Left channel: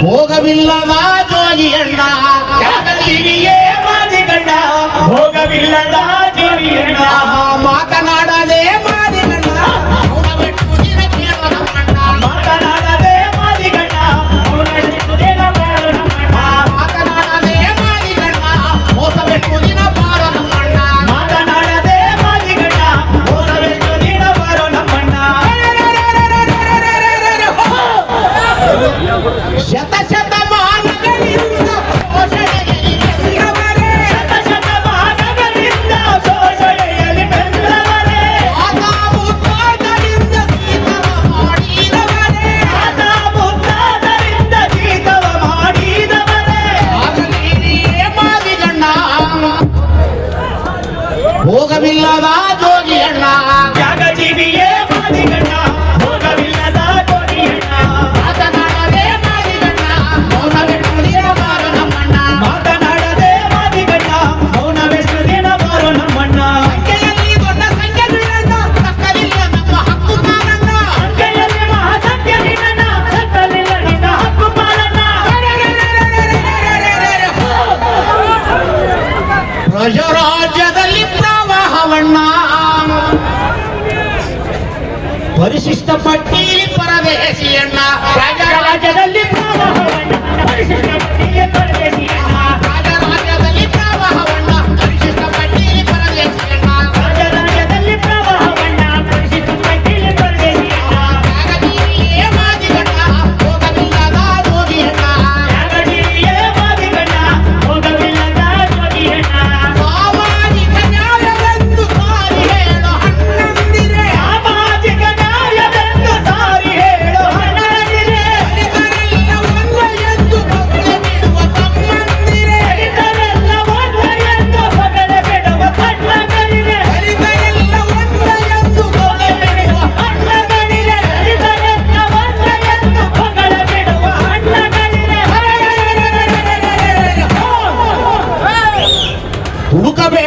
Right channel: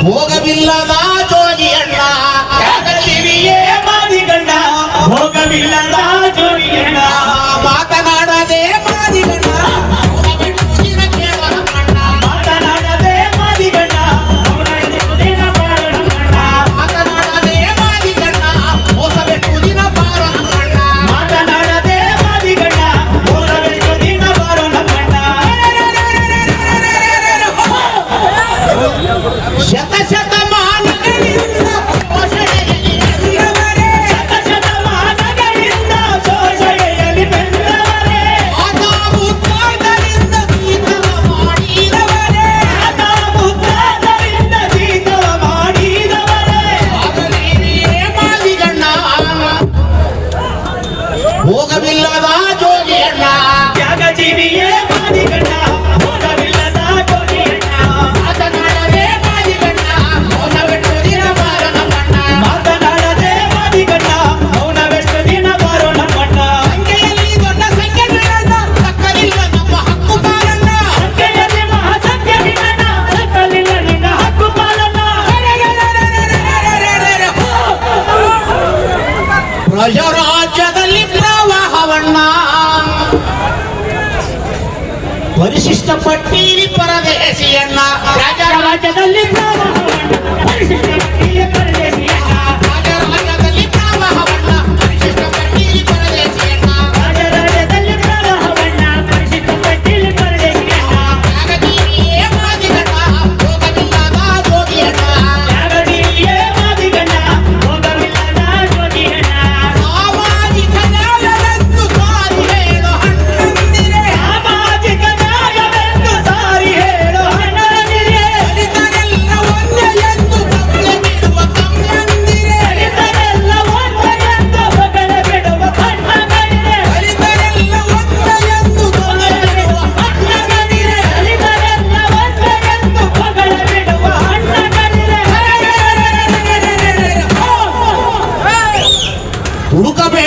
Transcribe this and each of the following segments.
போகவில்லதா ஜோதி அண்ணா போதமில்லாதா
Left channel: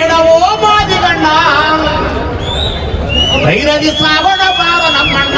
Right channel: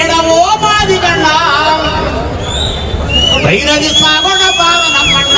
ಹುಡುಕಬೇಡವೋ ಮಾದಿಗಣ್ಣ ಧೈರ್ಯದಿ ಸಾವಣ ಬಾವ ನಮ್ಮಣ್ಣ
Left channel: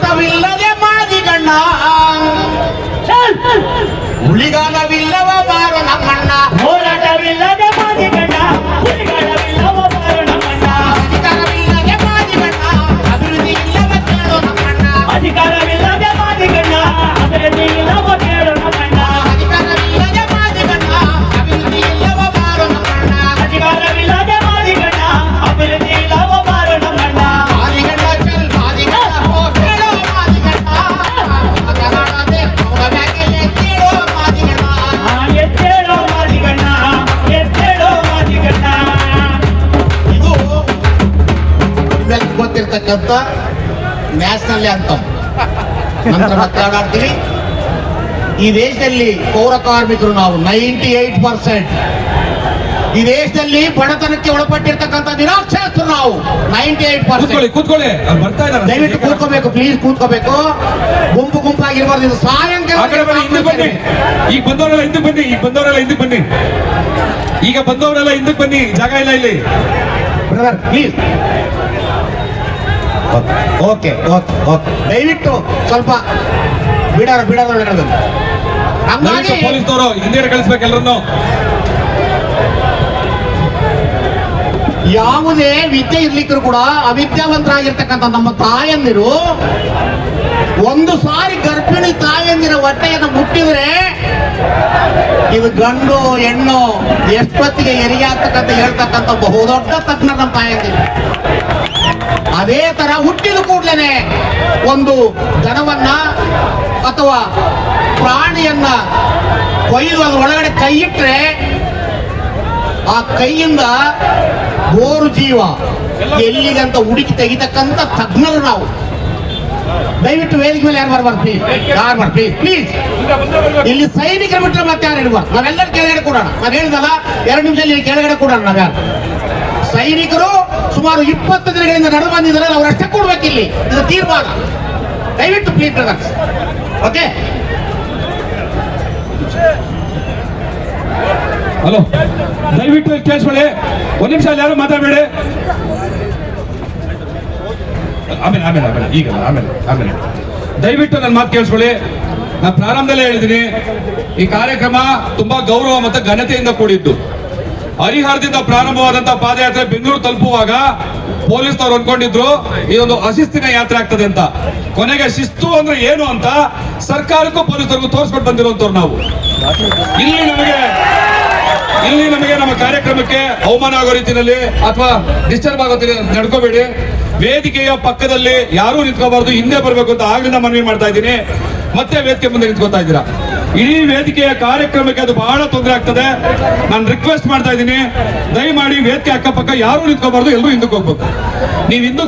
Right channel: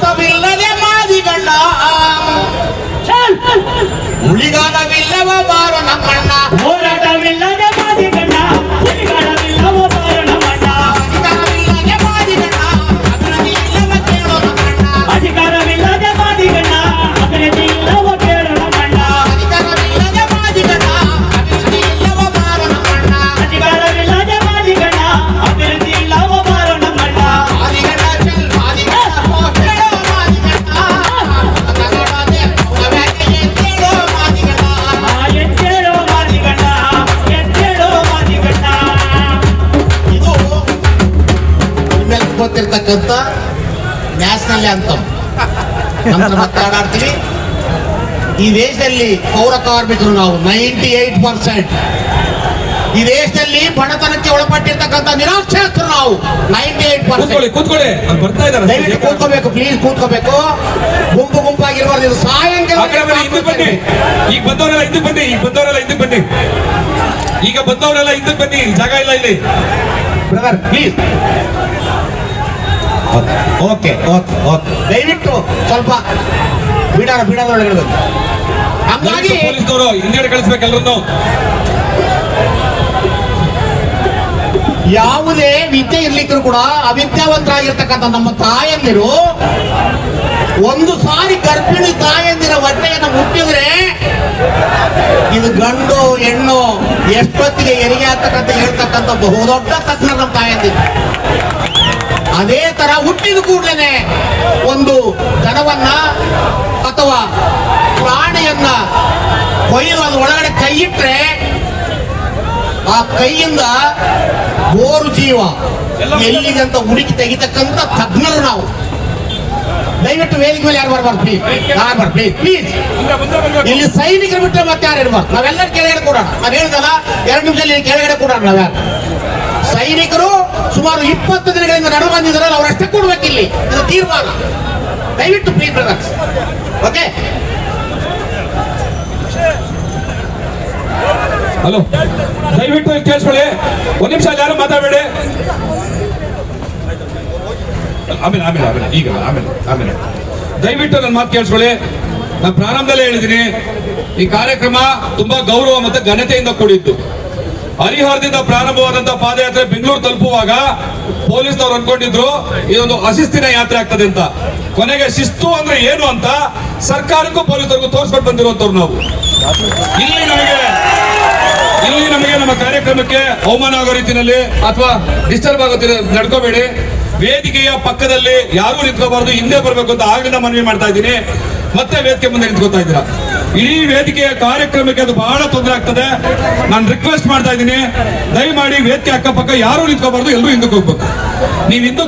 ஆட்டமில்லதே ಗೊತ್ತಿರ್ತಕ್ಕಂಥ ನ್ಯಾಷನಲ್ ನಂತರ ಮತ್ತೆ ಈ ದೇಶದಲ್ಲಿ ಪೌರ ಕಾರ್ಮಿಕರು ನಾವು ನೈಂಟಿ ಏಟ್ ಪರ್ಸೆಂಟ್. ಈ ದೇಶದಲ್ಲಿ ಬಡತನಕ್ಕೆ ಒಳಪಟ್ಟಿರ್ತಕ್ಕಂಥ ನಿರಾಕ್ಷರಸ್ಥರು ನಾವು ನೈಂಟಿ ಏಟ್ ಪರ್ಸೆಂಟ್. ದಯವಿಟ್ಟು ಕೂತ್ಕೋಬೇಕು ಪ್ಲೀಸ್ ಕೂತ್ಕೋಬೇಕು. ಗುಂಪು ಗುಂಪಾಗಿರ್ಬಾರ್ದು. ಇದು ಸಾಯಂಕಾಲ ಈಗ ಬಂದವರೆಲ್ಲ ಹಿಂದಕ್ಕೆ ಬನ್ನಿ. ಈಗ ಬಂದವರೆಲ್ಲ ಹಿಂದಕ್ಕೆ ಬನ್ನಿ. ಈಗ ಬಂದವರೆಲ್ಲ ಹಿಂದಕ್ಕೆ ಬನ್ನಿ. ಜಾಗ ಇಲ್ಲ ಇಲ್ಲಿ. Brother please okay okay okay. ದಯವಿಟ್ಟು ಸ್ವಲ್ಪ ಬಿಡೋಣ ಒಳಗಡೆ ಹಂಗಾಗಿ ಪೊಲೀಸ್ನವರು ಹಿಂದೆ ಕಳಿಸ್ಬೇಕು ಎಲ್ಲರನ್ನು ಯಾವುದೇ ವಿದ್ಯೆ ಇರ್ಲಿಕ್ಕೂ ಕೂಡ ಅವಿದ್ಯಾವಂತರಾಗಿರ್ತಕ್ಕಂಥ ನಮ್ಮ ತಾಯಂದಿರು ಒಂದು ಸಾರಿ ಗರ್ಭಿಣಿ ತಾಯಂದಿರ ಹೊಟ್ಟೆಯನ್ನು ಮುಟ್ಟಿದ್ರೆ ಇದು ಗಂಡು ಹೆಣ್ಣು ಎಷ್ಟೊತ್ತಿಗೆ ಹೆರಿಗೆ ಆಗ್ತಕ್ಕಂತ ಹೇಳ್ತಕ್ಕಂಥ ಬಹುದೊಡ್ಡ ತಜ್ಞ ನಮ್ಮ ತಾಯಂದಿರು. ಅದೇ ತರ ಹುಟ್ಟಿದ ಕೂಡಲೇ ಒಂದು ದನವನ್ನ ಅಥವಾ ಪ್ರಾಣಿಯನ್ನ ಕೊಯ್ದು ಅದ್ರ ಒಳಗಡೆ ಕೈ ಇಟ್ಟರೆ ಆ ಕೈಯಿಂದ ಬೋರು ಜೀವ ಎಲ್ಲಿಗಂತ ಹುಡುಕಿ ತೆಗಿತಕ್ಕಂತ ತಜ್ಞರು ನಾವು. ದಯವಿಟ್ಟು ವೇದಿಕೆ ಮೇಲೆ ಯಾರು ಬರ್ಬಾರ್ದು ಯಾರು ಬರ್ಬಾರ್ದು ಪ್ಲೀಸ್ ಇಲ್ಲಿ ಸೈನಿಕರು ಬಿಟ್ಟರೆ ಮತ್ತೆ ಯಾರು ಇರ್ಬಾರ್ದು? ನಾವೆಲ್ಲರೂ ಕೆಳಗಡೆ ಕೊಡೋಣ. ನಾನು ಹೇಳಿದಲ್ಲ, ಎರಡು ನಿಮಿಷದಲ್ಲಿ ಕೆಳಗಡೆ ಕೊಡೋಣ ನಾವ್ಯಾರು? ಸೈನಿಕರು ಸುಮಾರು ಇಪ್ಪತ್ತು ದಿನಗಳಿಂದ ನಡು ಬಂದಿದ್ರಲ್ಲ ಅವರಷ್ಟೇ ಕೊಡ್ಬೇಕು ಇಲ್ಲಿ. ಇದು ತೀರ್ಮಾನ. ದಯವಿಟ್ಟು ಪ್ಲೀಸ್ ಬ್ರದರ್ಸ್ ಓಕೆ ಹಲೋ ದಯವಿಟ್ಟು ಕೇಳಿಸ್ಕೊಳ್ಳಿ. ಒಂದ್ ನಿಮಿಷ ಯಾರು ಮಾತಾಡಬೇಡಿ? ಆಮೇಲೆ ಆಮೇಲೆ ಆಮೇಲೆ, ಈಗ, ಆಮೇಲೆ ಆಮೇಲೆ ದಯವಿಟ್ಟು ನನ್ನ ಮಾತು ಕೇಳಿಸ್ಕೊಳ್ಳಿ. ನಾನು ಪ್ರಾರಂಭದಲ್ಲೇ ಹೇಳಿದ್ದೀನಿ, ಈ ಕಾರ್ಯಕ್ರಮ ತುಂಬಾ ಗೌರವ ಮತ್ತು ಘನತೆಯಿಂದ ಕೂಡಿದ್ದು. ಹರಿಹರದಿಂದ ಪ್ರಾರಂಭವಾದಂತಹ ಪಾದಯಾತ್ರೆ ಬೆಂಗಳೂರು ತಲುಪುವಾಗ ಪೊಲೀಸ್ನವ್ರು ಅನ್ಕೊಂಡಿದ್ರು ಇದೊಂದು ಅಶಿಸ್ತಿನ ಯಾತ್ರೆ ಆಗ್ತದೆ ಅಂತ. ಕೊನೆಗೆ ಶಿಸ್ತು ಅಂದ್ರೆ ಏನು ಅಂತ ಸರ್ಕಾರಕ್ಕೂ ಪೊಲೀಸರಿಗೂ ತೋರಿಸ್ಕೊಂಡು ಬಂದಿರುವಂತವ್ರು ನಾವು. ಇಲ್ಲಿ ನಮಗೆ ಇಲ್ಲಿ ನಮಗೆ ನಮ್ಮ ಕಾರ್ಯಕ್ರಮಕ್ಕೆ ಅವಮಾನ ಆಗೋ ರೀತಿಯಲ್ಲಿ ಅಥವಾ ಡಿಸ್ಟರ್ಬ್ ಆಗೋ ನಡ್ಕೋಬೇಡಿ. ವೇದಿಕೆಯ ಪಕ್ಕದಲ್ಲಿ ಯಾರೂ ನಿಂತ್ಕೋಬಾರ್ದು, ಹಿಂದೆ ಬರಬೇಕು ಅಂತ ಆಗ್ಲಿಂದ ಮನವಿ ಮಾಡ್ತಾ ಇದ್ದೀನಿ. ಮತ್ತೆ ವೇದಿಕೆ ಮುಂದೆ ನಿಂತ್ಕೋತಾ ಇದ್ದೀರಾ? ಇಡೀ ವೇದಿಕೆಯ ಕಾರ್ಯಕ್ರಮಕ್ಕೆ ಅದು ಬಹಳ ತೊಂದರೆ ಆಗ್ತದೆ. ನಾನು ರಿಕ್ವೆಸ್ಟ್ ಮಾಡ್ತಾ ಇದ್ದೀನಿ. ದಯಮಾಡಿ ವೇದಿಕೆ ಅಕ್ಕಪಕ್ಕ ಯಾರು ನಿಂತ್ಕೋಬಾರ್ದು ಎಲ್ಲರೂ ಹಿಂದಕ್ಕೆ ಹೋಗ್ಬೇಕು. ನೀವು ಹಿಂದಕ್ಕೆ